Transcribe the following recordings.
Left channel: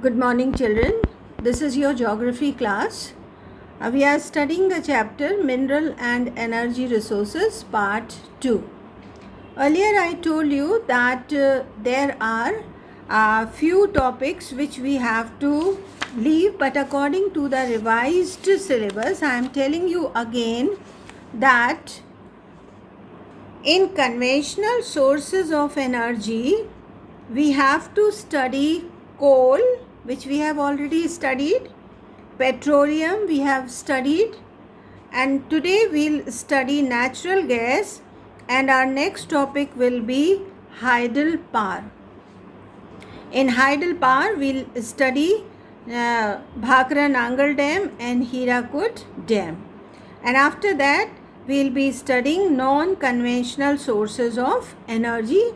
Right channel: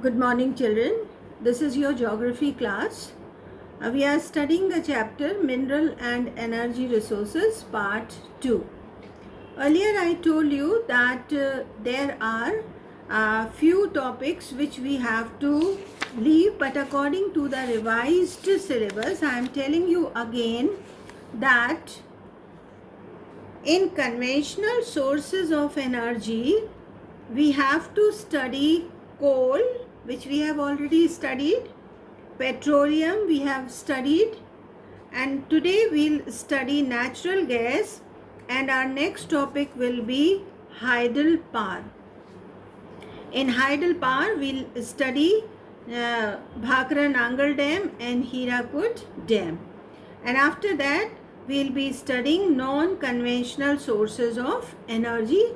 Good morning, children. This is your geography class. We are studying the chapter Mineral and Energy Resources, Part 2. Earlier, I told you that there are a few topics which we have to leave, but according to the revised syllabus, I am telling you again that in conventional sources of energy, we have to study coal, which we have already studied, petroleum we have studied, and today we'll study natural gas, and our next topic will be hydropower. In hydropower, we'll study Bhakra Nangal Dam and Hirakud Dam. And after that, we'll be studying non-conventional sources of energy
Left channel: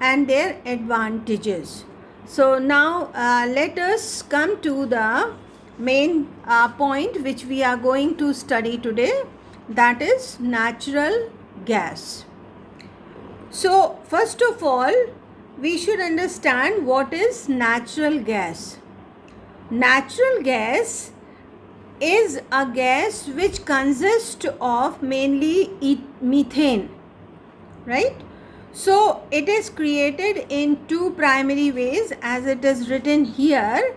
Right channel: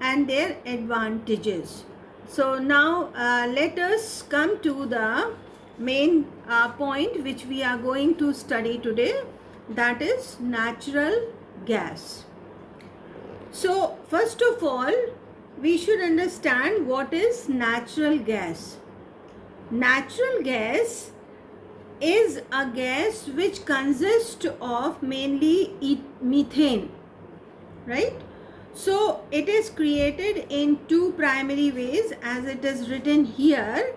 and their advantages. So now let us come to the main point which we are going to study today, that is natural gas. So first of all, we should understand what is natural gas. Natural gas is a gas which consists of mainly methane, right? So it is created in two primary ways as it is written here,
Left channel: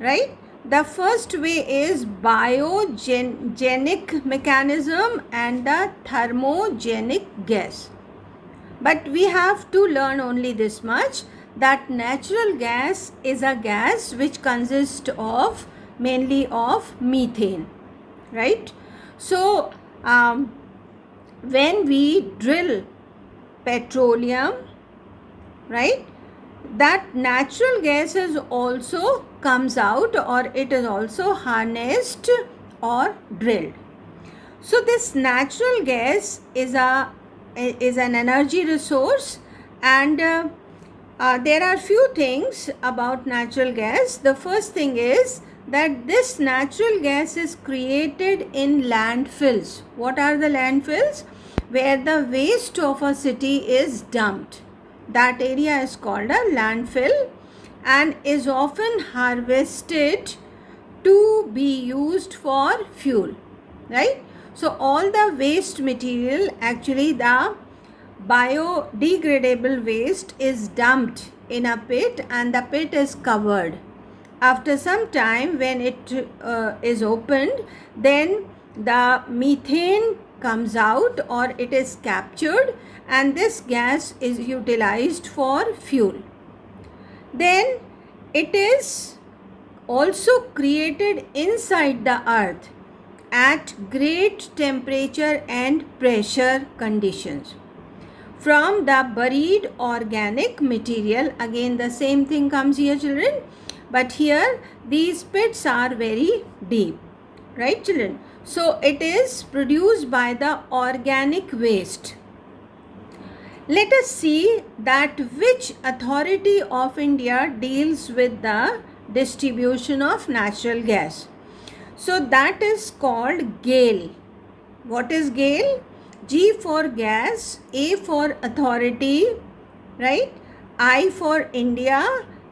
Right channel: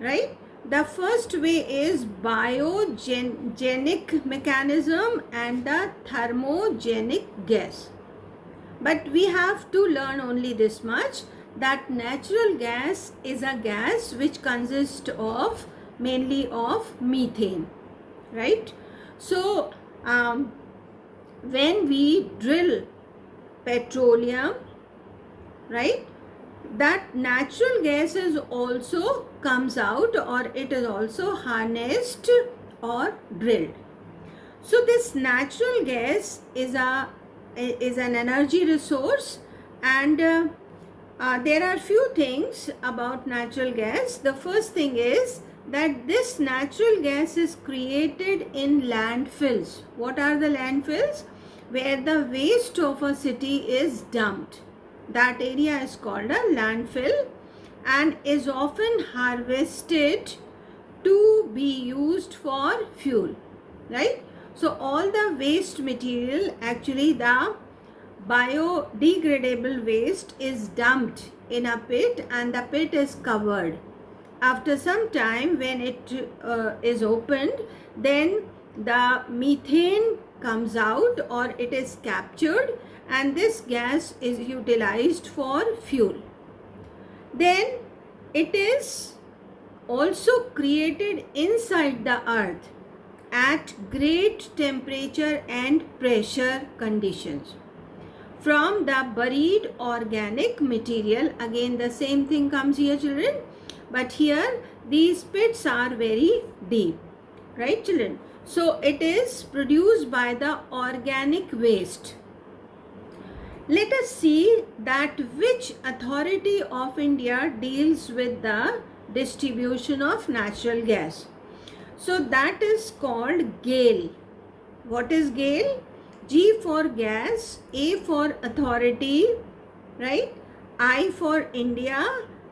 right? The first way is biogenic mechanism and the thermogenic gas. But we have to learn only this much, that natural gas is a gas which consists of mainly of methane, right? So when we drill petroleum, right, that natural gas is also comes out, or it is also harnessed or drilled. So this natural gas is an energy resource, and there are few things about natural gas. The first thing is that this natural gas is created in landfills. What are the landfills? Where the waste of a city is dumped. That area is called a landfill and is often harvested to be used for fuel, right? So all the waste material, actually the biodegradable waste, is dumped in a pit and the pit is covered. After some time, when it is opened, then the methane comes out, or it is captured, and this gas is utilized for fuel. Then it is also created inside the earth at great temperature and pressure conditions from the buried organic material. Again the same thing comes here, children, but here these pits are very deep, right, children? So it is produced by the organic waste. Let us see that which authority of India deals with the distribution of natural gas. So that is called GAIL. What is GAIL? G for gas, A for authority, right? I for India,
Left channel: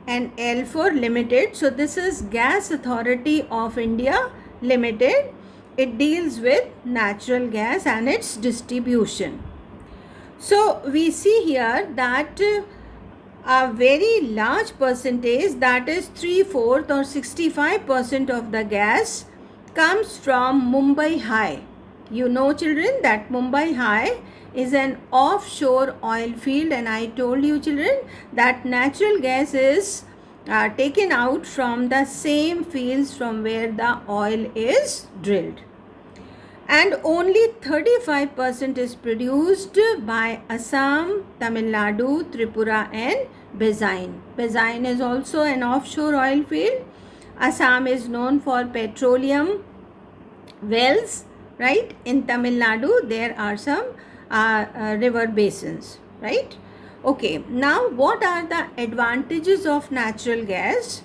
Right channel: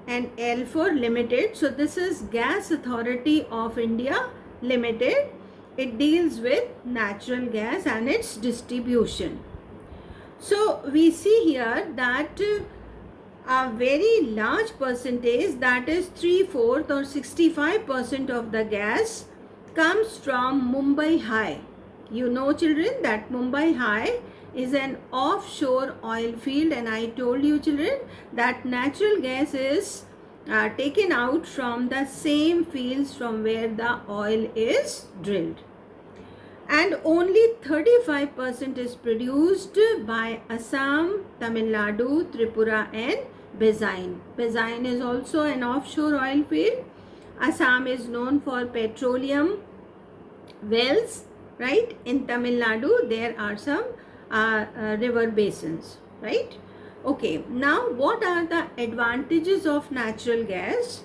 and L for limited. So this is Gas Authority of India Limited. It deals with natural gas and its distribution. So we see here that a very large percentage, that is 3/4 or 65% of the gas, comes from Mumbai High. You know, children, that Mumbai High is an offshore oil field, and I told you, children, that natural gas is taken out from the same fields from where the oil is drilled. And only 35% is produced by Assam, Tamil Nadu, Tripura and Bezain. Bezain is also an offshore oil field. Assam is known for petroleum wells, right? In Tamil Nadu there are some river basins, right? Okay, now what are the advantages of natural gas?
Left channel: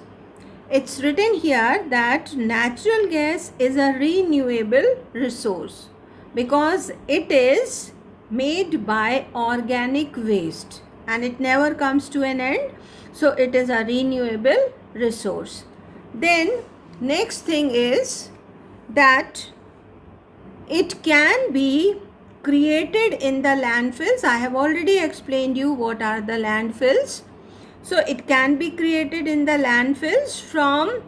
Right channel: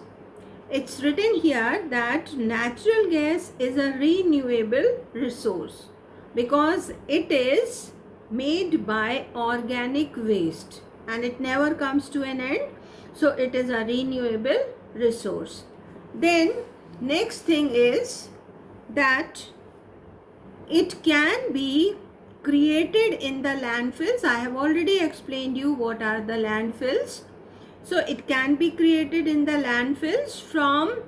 It's written here that natural gas is a renewable resource because it is made by organic waste and it never comes to an end. So it is a renewable resource. Then next thing is that it can be created in the landfills. I have already explained you what are the landfills. So it can be created in the landfills from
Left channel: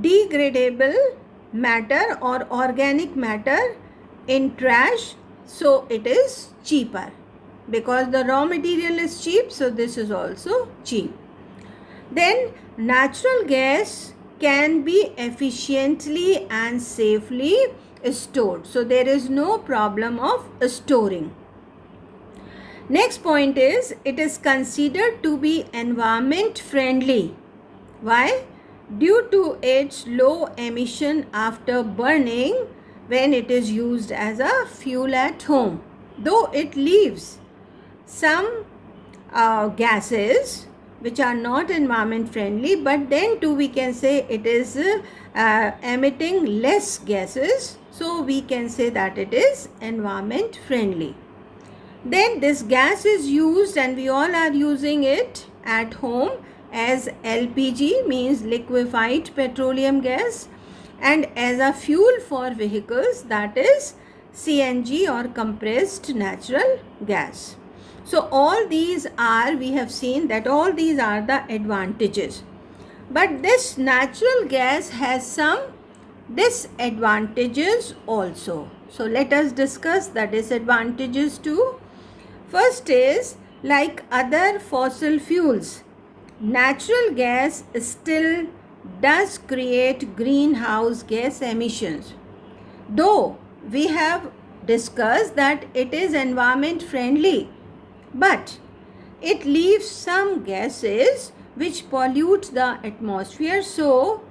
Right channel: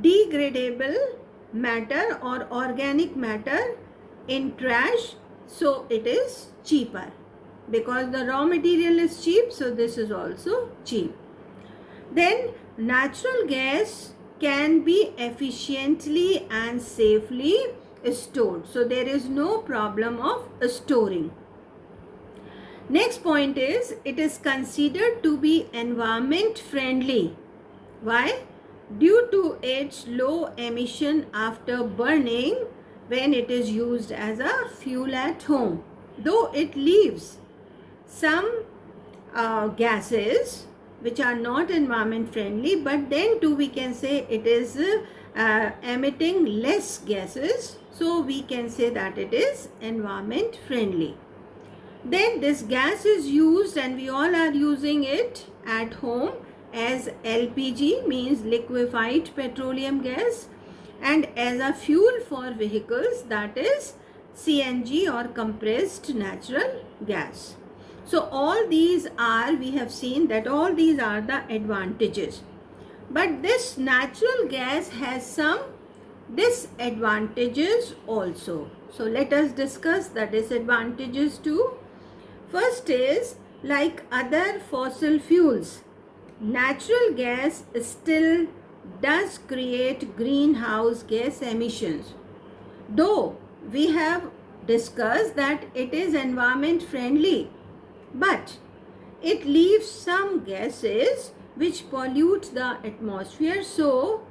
degradable matter or organic matter in trash. So it is cheaper because the raw material is cheap. So this is also cheap. Then natural gas can be efficiently and safely stored. So there is no problem of storing. Next point is it is considered to be environment friendly. Why? Due to its low emission after burning when it is used as a fuel at home. Though it leaves some gases which are not environment friendly, but then too we can say it is emitting less gases, so we can say that it is environment friendly. Then this gas is used, and we all are using it at home as LPG, means liquefied petroleum gas, and as a fuel for vehicles, that is CNG or compressed natural gas. So all these are, we have seen that all these are the advantages. But this natural gas has some disadvantages also. So let us discuss the disadvantages too. First is, like other fossil fuels, natural gas still does create greenhouse gas emissions. Though we have discussed that it is environment friendly, but it leaves some gases which pollute the atmosphere. So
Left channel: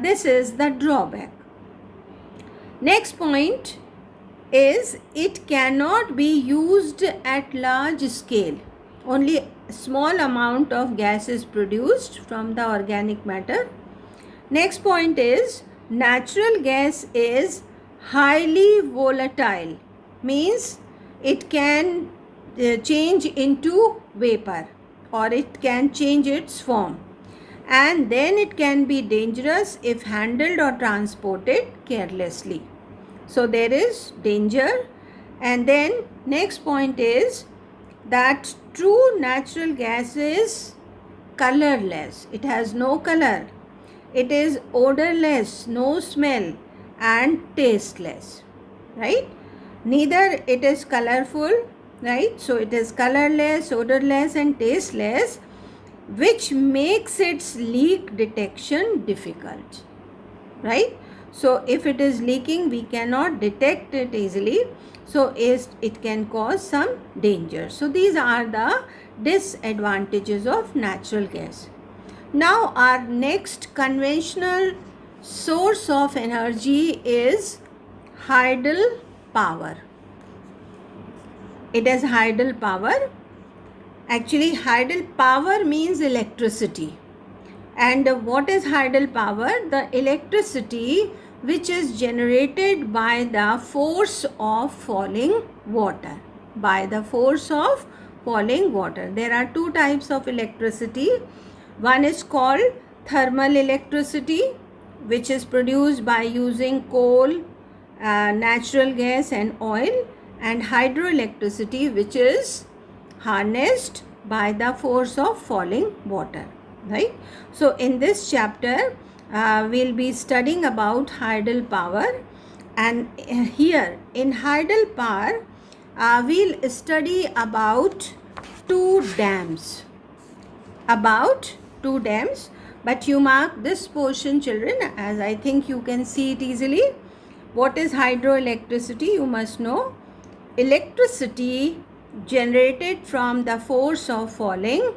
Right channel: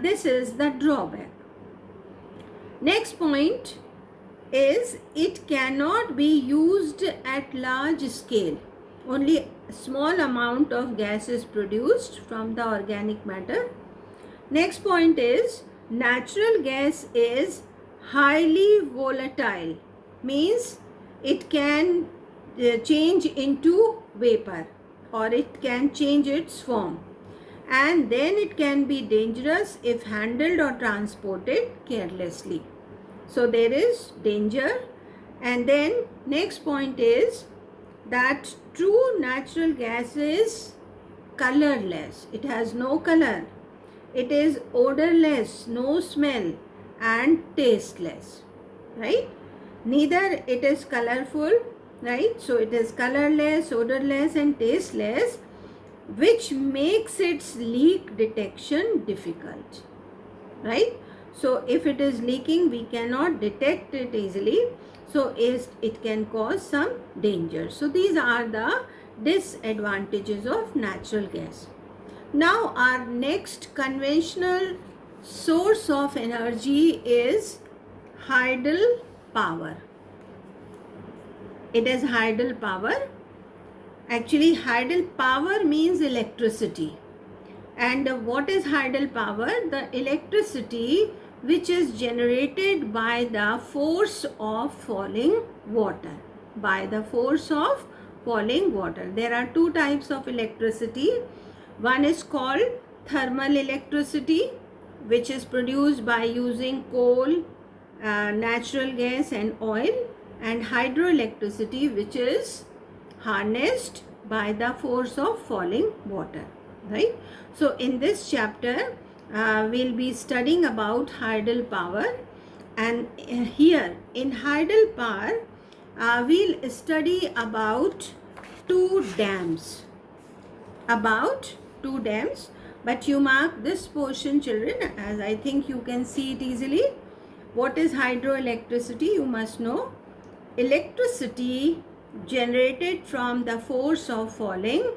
this is the drawback. Next point is it cannot be used at large scale. Only a small amount of gas is produced from the organic matter. Next point is natural gas is highly volatile, means it can change into vapor or it can change its form, and then it can be dangerous if handled or transported carelessly. So there is danger. And then next point is that true natural gas is colorless. It has no color. It is odorless, no smell, and tasteless, right? Neither it is colorful, right? So it is colorless, odorless, and tasteless, which makes its leak detection difficult, right? So if it is leaking, we cannot detect it easily. So it can cause some danger. So these are the disadvantages of natural gas. Now our next conventional source of energy is hydel power. It is hydel power. Actually, hydel power means electricity. And what is hydel power? The electricity which is generated by the force of falling water. By the force of falling water. There are two types of electricity. One is called thermal electricity, which is produced by using coal, natural gas and oil, and hydroelectricity, which is harnessed by the force of falling water, right? So in this chapter we'll be studying about hydel power, and here in hydel power we'll study about two dams, but you mark this portion, children, as I think you can see it easily. What is hydroelectricity? You must know. Electricity generated from the force of falling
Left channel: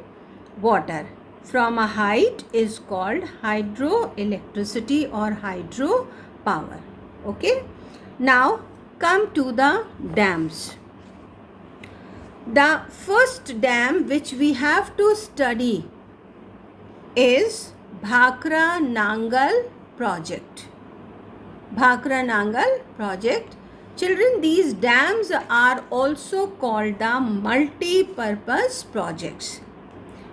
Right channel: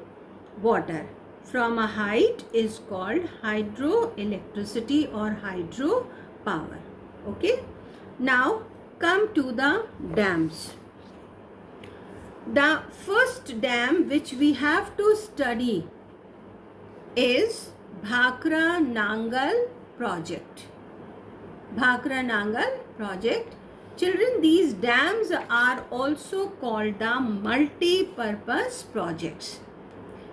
water from a height is called hydroelectricity or hydropower. Okay. Now come to the dams. The first dam which we have to study is Bhakra Nangal project. Bhakra Nangal project. Children, these dams are also called the multi-purpose projects.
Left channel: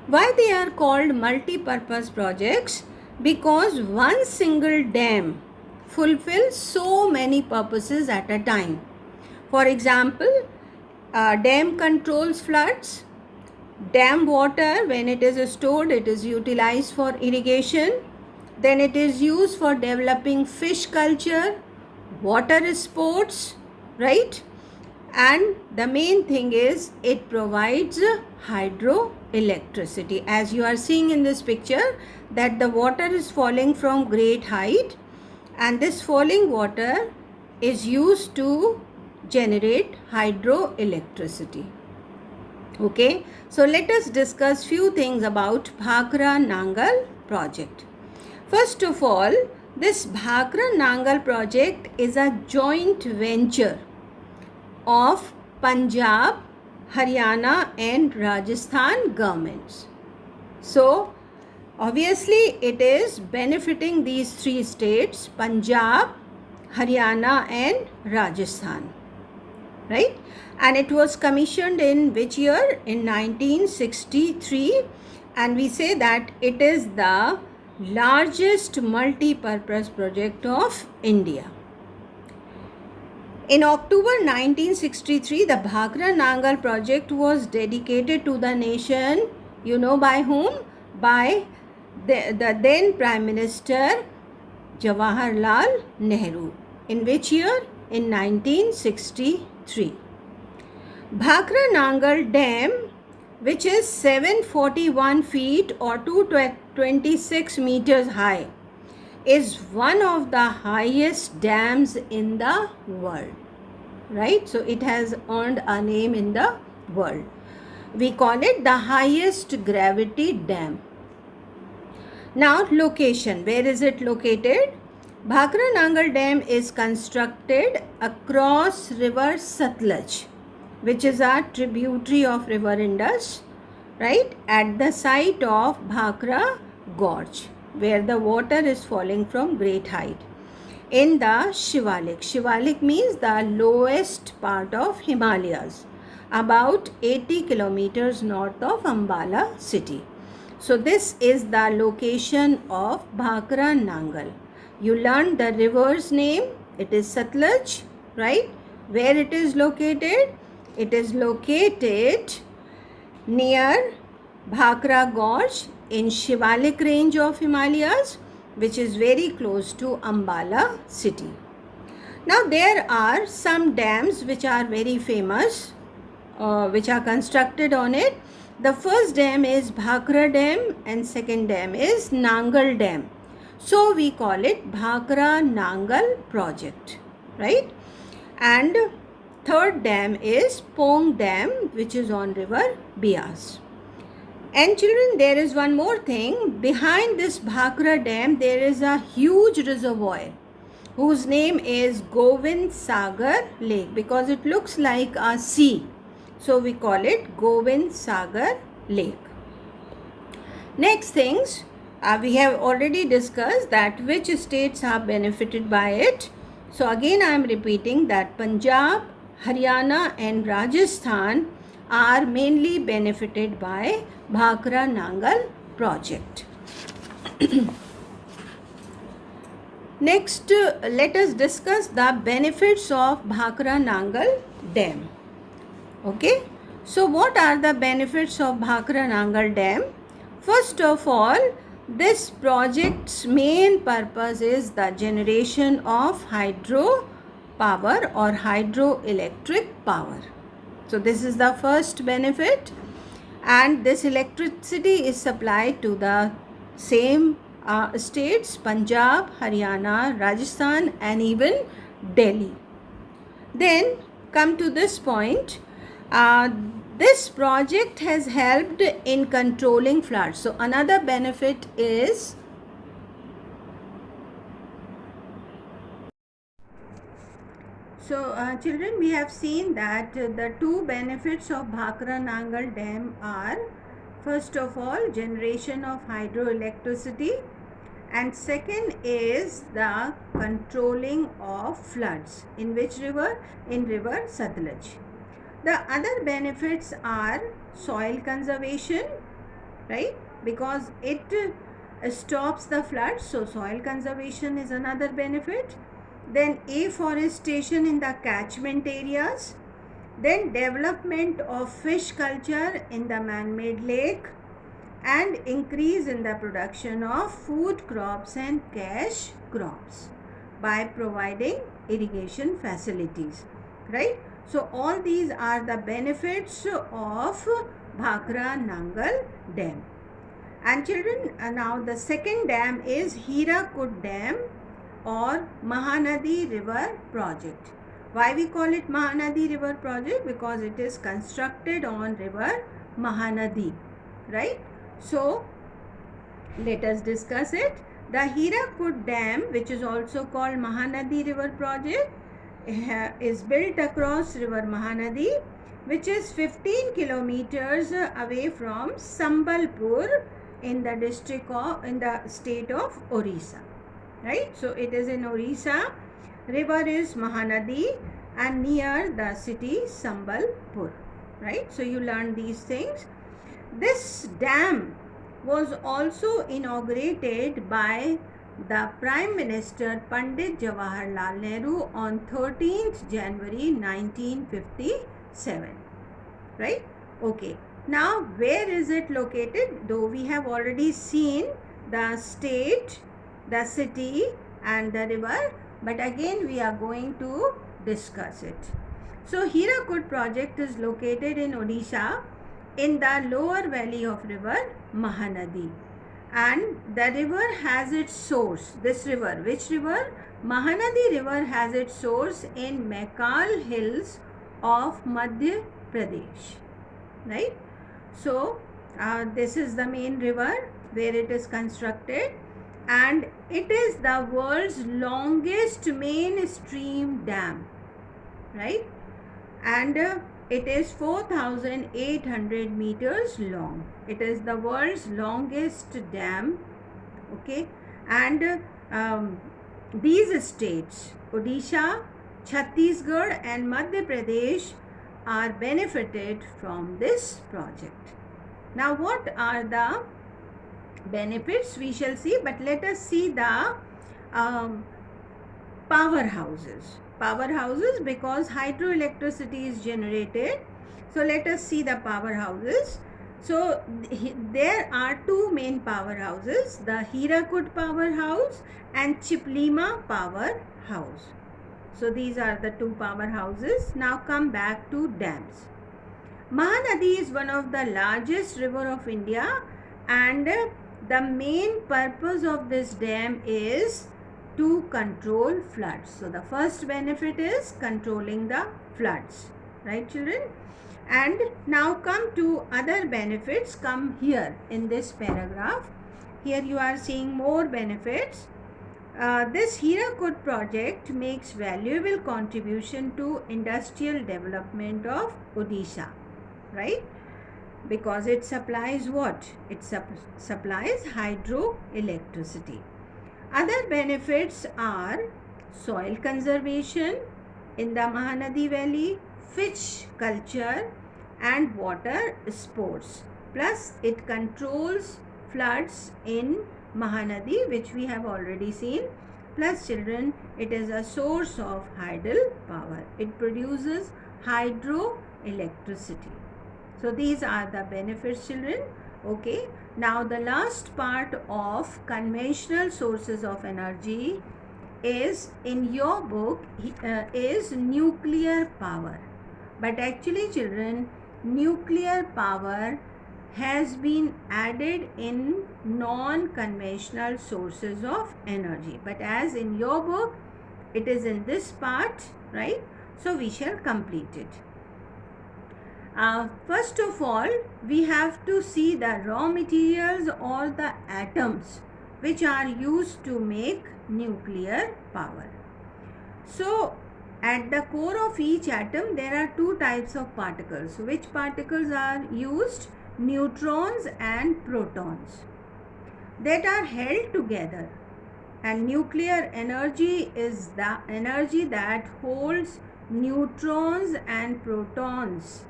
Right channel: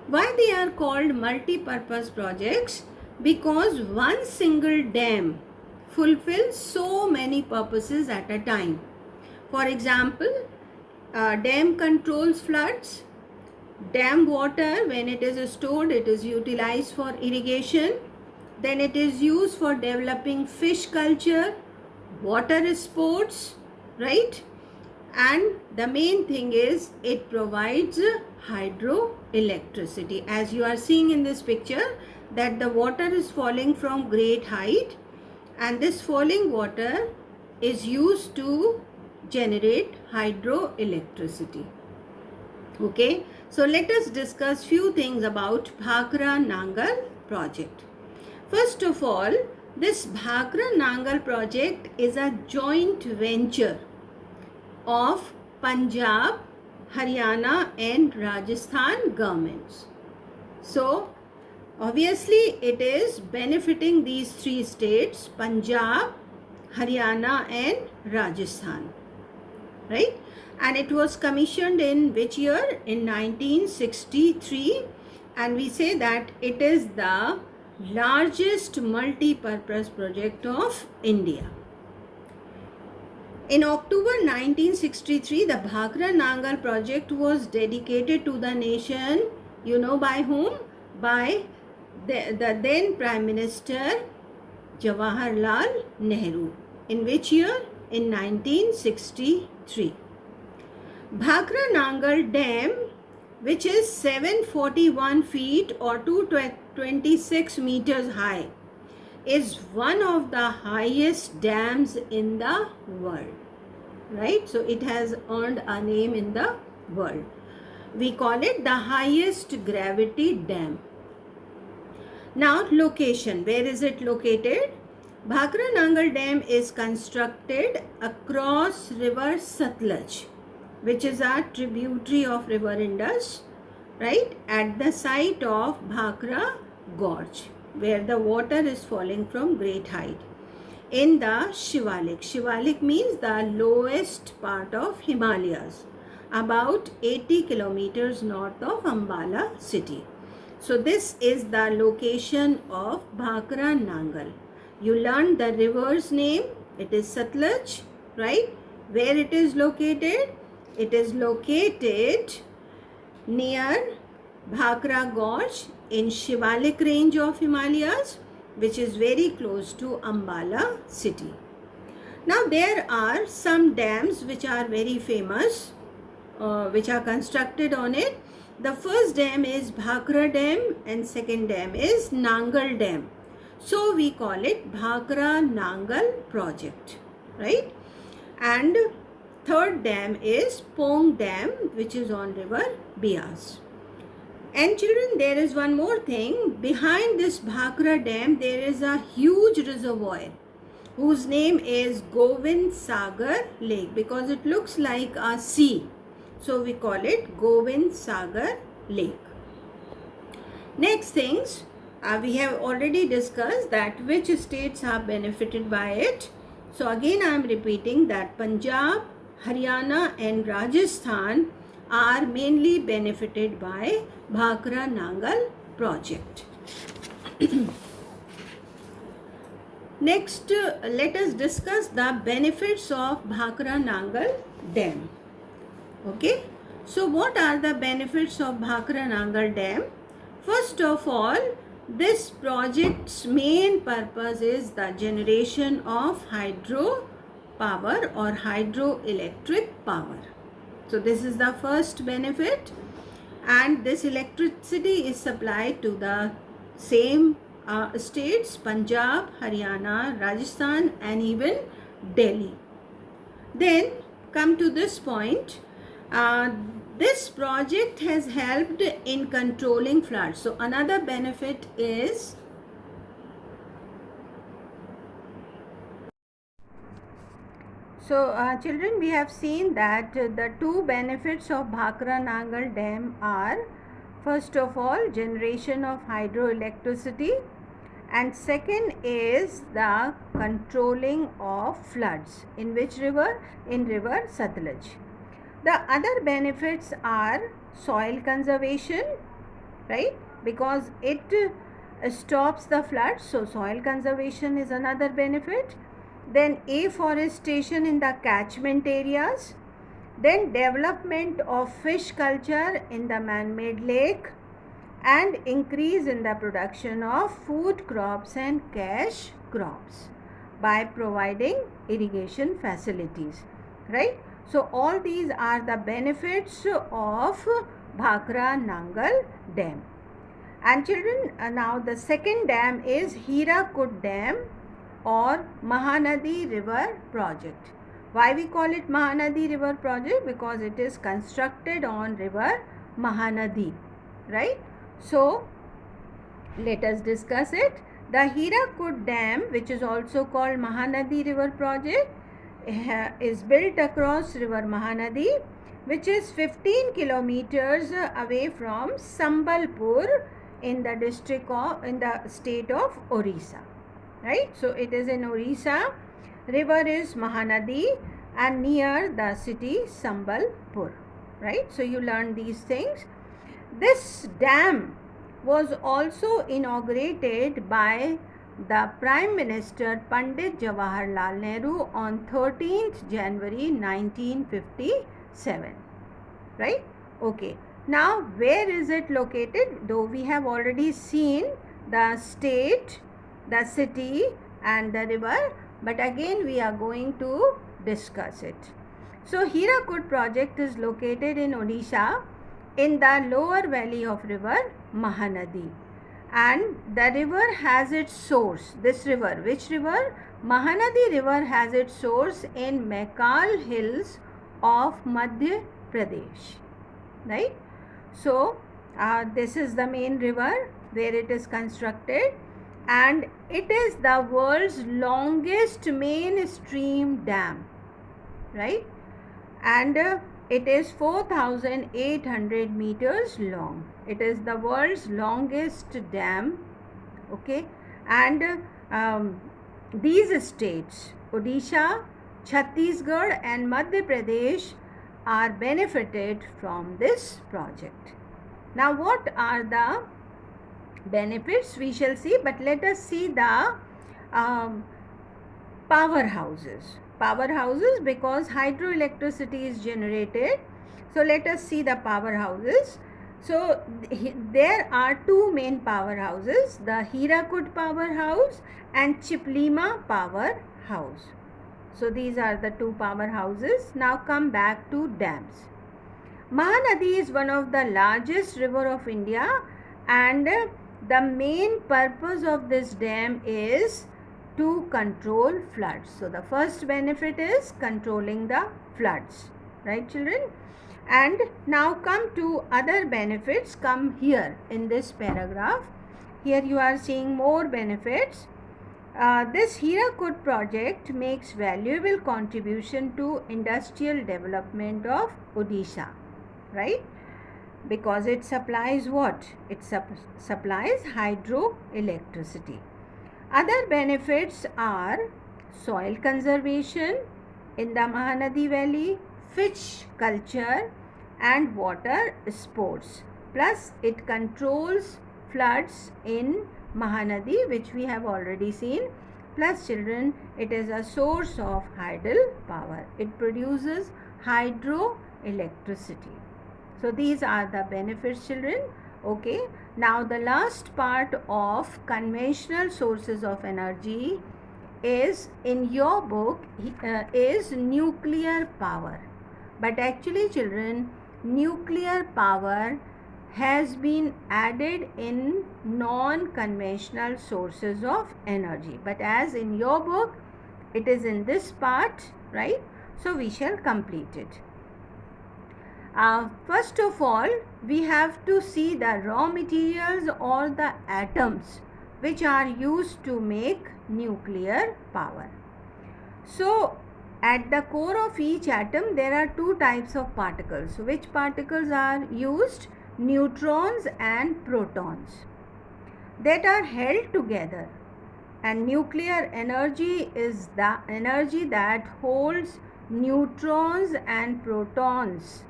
Why they are called multi-purpose projects? because one single dam fulfills so many purposes at a time. For example, dam controls floods. Dam water, when it is stored, it is utilized for irrigation. Then it is used for developing fish culture, water sports, right? And the main thing is it provides hydroelectricity. As you are seeing in this picture, that the water is falling from great height, and this falling water is used to generate hydroelectricity. Okay, so let us discuss few things about Bhakra Nangal project. First of all, this Bhakra Nangal project is a joint venture of Punjab, Haryana and Rajasthan governments. So obviously it is benefiting these three states, Punjab, Haryana and Rajasthan, right? And it was commissioned in which year? In 1963, and we say that it is the largest multi-purpose project of India. In October 1963, the Bhakra Nangal project was dedicated to the nation, you know by whom? By the then Prime Minister Jawaharlal Nehru. In which year? In 1963. Bhakra Nangal Dam, which is 741 feet or 226 meters high, is one of the highest dams in the world, right? So it has earned a name in the world. We call it the highest gravity dam. Now location, where is it located? Bhakra Nangal Dam is constructed across river Satluj, which is a tributary of river Indus, right, at the site of Bhakra Gorge, where the water is falling from great height, in the Shivalik. Shivalik means the lowest part of Himalayas, about 80 kilometers north of Ambala city. So this is the location of Bhakra Nangal. You learned the river's name, it is Satluj, right? Where it is located? It is located near Bhakra Gorge in Shivalik range of Himalayas, which is very close to Ambala city. Now there are some dams which are very famous, which are constructed on it. The first dam is Bhakra Dam and second dam is Nangal Dam. So we call it Bhakra Nangal project, right? And third dam is Pong Dam, which is on river Beas. And children, there is one more thing. Behind this Bhakra Dam, there is a huge reservoir whose name is Govind Sagar Lake, because it looks like a sea. So we call it Govind Sagar Lake. Next things, we have already discussed that which states are benefited by it. So again I am repeating that Punjab, Haryana and Rajasthan are mainly benefited by Bhakra Nangal project. Next, let us discuss the benefits of Bhakra Nangal Dam. Okay, so what are the benefits of Bhakra Nangal Dam? First of all, this project's main purpose is the generation of hydro power or hydroelectric power. So this is the first benefit, and this electricity is supplied to the same states, Punjab, Haryana, Rajasthan and even Delhi. Then come to this point, this project has helped in controlling floods. So another benefit is children, we have seen that the two benefits of Bhakra Nangal Dam are, first of all, generation of hydroelectricity, and second is the controlling of floods. In which river? In river Satluj. The other benefits are soil conservation, right? Because it stops the floods, so soil conservation is another benefit. Then afforestation in the catchment areas. Then development of fish culture in the man-made lake, and increase in the production of food crops and cash crops by providing irrigation facilities, right? So all these are the benefits of Bhakra Nangal Dam. And children, now the second dam is Hirakud Dam or Mahanadi River Project. Why we call it Mahanadi River Project? Because it is constructed on river Mahanadi, right? So let us discuss it. The Hirakud Dam, which is also called Mahanadi River Project, is built across river Mahanadi, which is 15 kilometers away from Sambalpur in the state of Orissa, right? So it is in Orissa. River is Mahanadi and near the city Sambalpur, right? So you learn these things. This dam was also inaugurated by the Prime Minister Pandit Jawaharlal Nehru on 13th January 1957, right? Okay. Now, where is it located? Though we have already seen the state, the city and the river, but again we are going to discuss it. So, Hirakud project is located in Odisha in the lower valley of river Mahanadi, and the river has its source. This river, which river? Mahanadi river has its source in Mekal hills of Madhya Pradesh, right? So this is the main river where it is constructed, and it is the world's longest mainstream dam, right? And it is 4,800 meters long. It is the world's longest dam, okay? And these states, Odisha, Chhattisgarh and Madhya Pradesh, are benefited from this project. Now, what are the benefits? We shall see, but let us see the powerhouses. Powerhouses, because hydroelectricity is generated. So let us see the powerhouses. So there are two main powerhouses, the Hirakud powerhouse and Chiplima powerhouse. So these are the two powerhouses. Now come back to dams. Mahanadi is one of the largest river of India, and the main purpose of this dam is to control floods. So the first benefit is controlling the floods, right children? And now come to other benefits, come here in this paragraph. Here you are seeing more benefits. This Hirakud project makes valuable contribution to industrial development of Odisha, right? Because it supplies what? It supplies hydroelectricity. Other benefits are soil conservation in the Mahanadi Valley, fish culture and water sports. Plus it controls floods in Mahanadi, which we have already seen. Plus children, it is a source of tidal power. It produces hydroelectricity. So these are the benefits children. Okay. Now the last part of conventional sources of energy is in your book is nuclear power. But actually children, nuclear power has been added in non-conventional sources of energy. But as in your book, it is in this part, right? So we shall complete it. First of all, we have to see the raw materials or the atoms which are used to make nuclear power. So, at the core of each atom, there are two types of particles. Which particles are used? Neutrons and protons that are held together. And nuclear energy is the energy that holds neutrons and protons.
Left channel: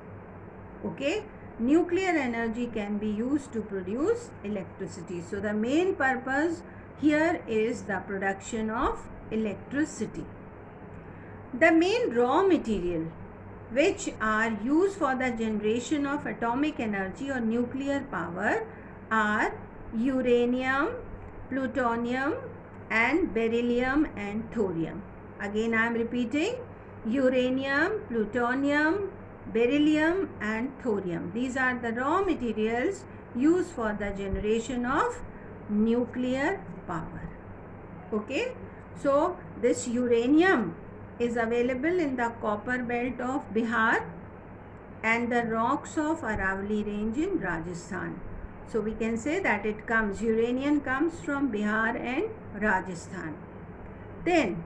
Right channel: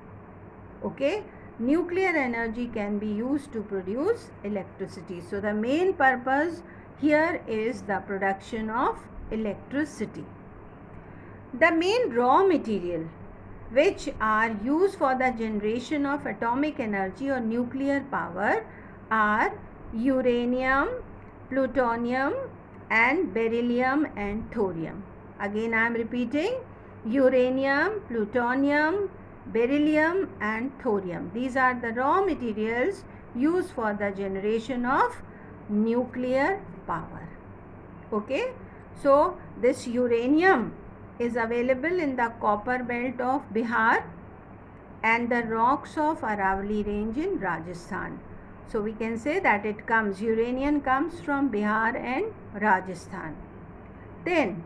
Okay, nuclear energy can be used to produce electricity. So the main purpose here is the production of electricity. The main raw material which are used for the generation of atomic energy or nuclear power are uranium, plutonium and beryllium and thorium. Again I am repeating, uranium, plutonium, beryllium and thorium. These are the raw materials used for the generation of nuclear power. Okay, so this uranium is available in the copper belt of Bihar and the rocks of Aravalli range in Rajasthan. So we can say that uranium comes from Bihar and Rajasthan. Then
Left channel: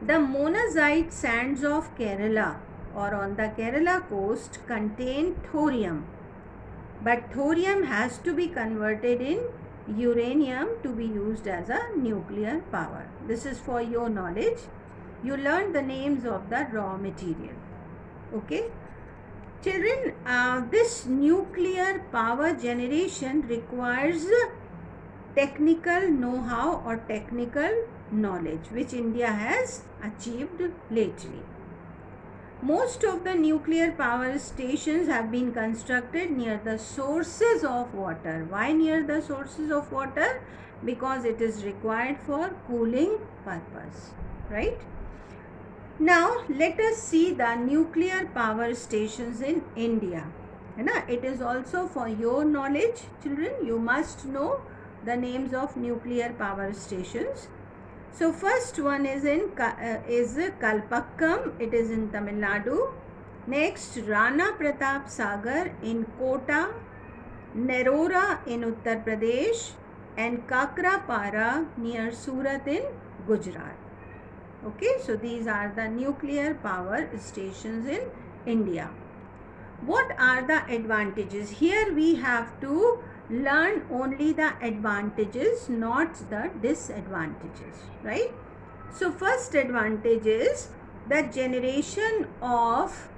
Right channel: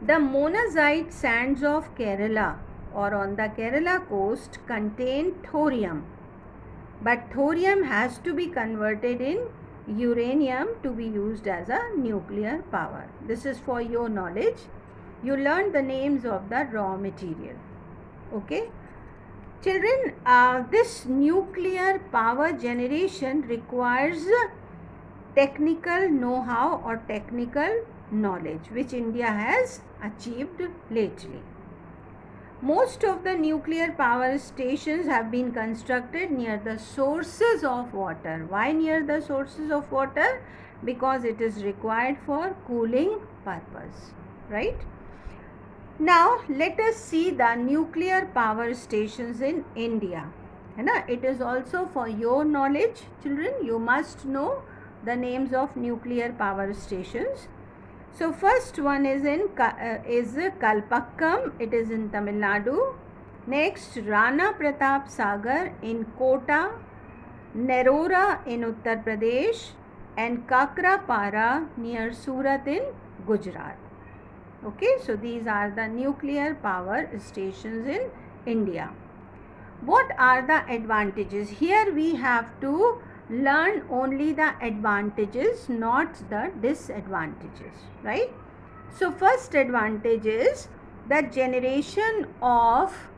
the monazite sands of Kerala or on the Kerala coast contain thorium, but thorium has to be converted in uranium to be used as a nuclear power. This is for your knowledge. You learned the names of the raw material. Okay. Children, this nuclear power generation requires technical know-how or technical knowledge which India has achieved lately. Most of the nuclear power stations have been constructed near the sources of water. Why near the sources of water? Because it is required for cooling purpose, right? Now let us see the nuclear power stations in India. It is also for your knowledge, children. You must know the names of nuclear power stations. So first one is Kalpakkam. It is in Tamil Nadu. Next, Rana Pratap Sagar in Kota, Nerora in Uttar Pradesh, and Kakrapara near Surat in Gujarat. Okay, so these are the nuclear power stations in India. What are the advantages? Here we have to learn only the advantages, not the disadvantages, right? So first advantage is the generation of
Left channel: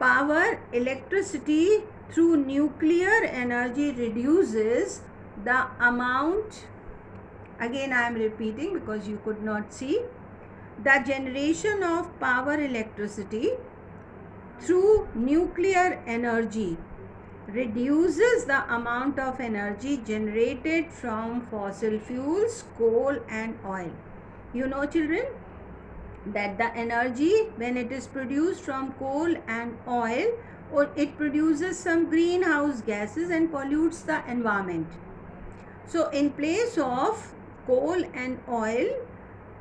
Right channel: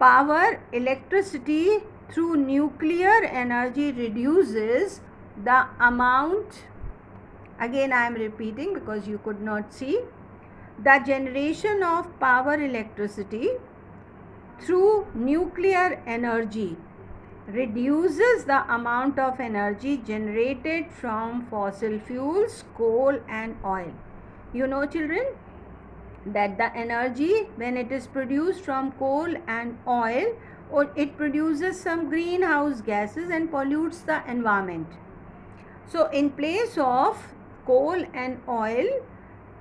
power, electricity through nuclear energy reduces the amount. Again I am repeating because you could not see. The generation of power, electricity through nuclear energy reduces the amount of energy generated from fossil fuels, coal and oil. You know, children, that the energy when it is produced from coal and oil, or it produces some greenhouse gases and pollutes the environment. So in place of coal and oil,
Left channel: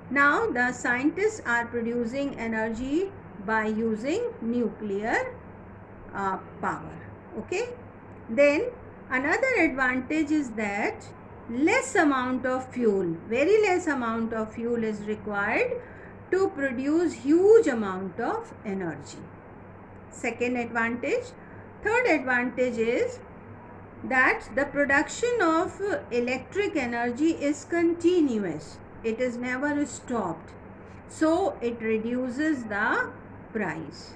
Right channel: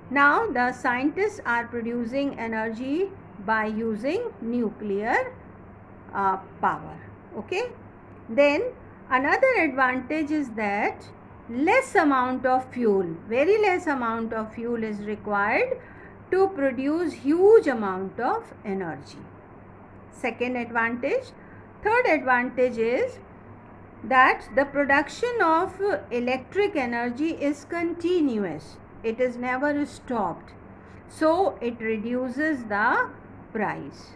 now the scientists are producing energy by using nuclear power. Okay. Then another advantage is that less amount of fuel, very less amount of fuel is required to produce huge amount of energy. Second advantage. Third advantage is that the production of electric energy is continuous. It is never stopped. So it reduces the price,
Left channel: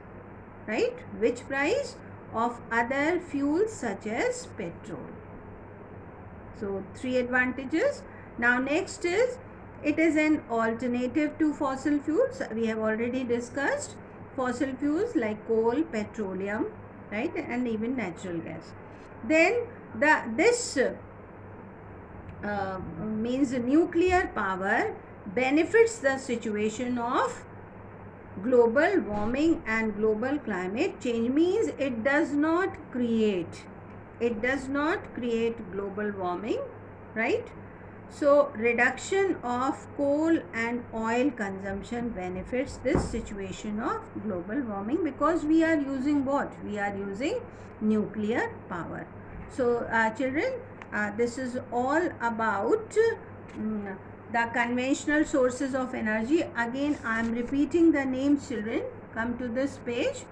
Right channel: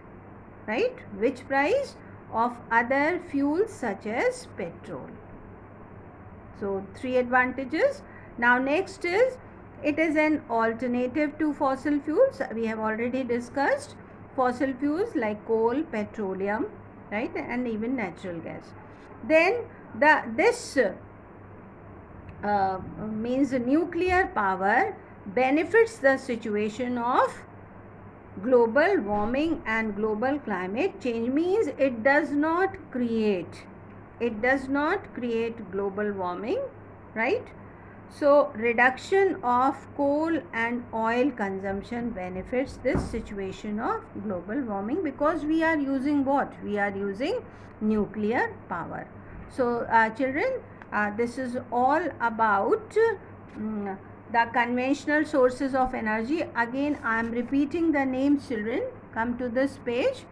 right? Which price? Of other fuels such as petrol. So 3 advantages. Now next is, it is an alternative to fossil fuels. We have already discussed fossil fuels like coal, petroleum, right, and even natural gas. Then this means nuclear power benefits the situation of global warming and global climate change. Means it does not create global warming, right? So reduction of coal and oil consumption benefits this situation of global warming, because we are using what? We are using nuclear power. So children, this is all about the conventional sources of energy. Again I am repeating the names, children. Come to this page.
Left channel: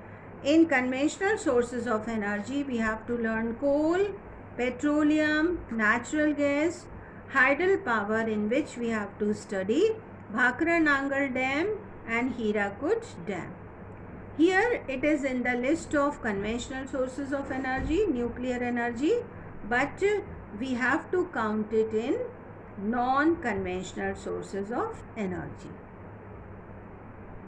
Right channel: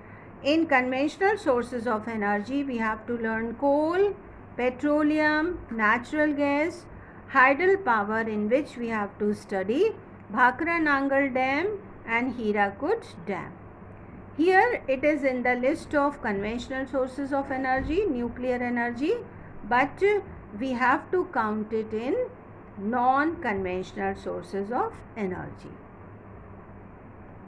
In conventional sources of energy, we have to learn coal, petroleum, natural gas, hydel power, in which we have to study Bhakra Nangal Dam and Hirakud Dam. Here it is in the list of conventional sources of energy, nuclear energy, but we have to count it in non-conventional sources of energy.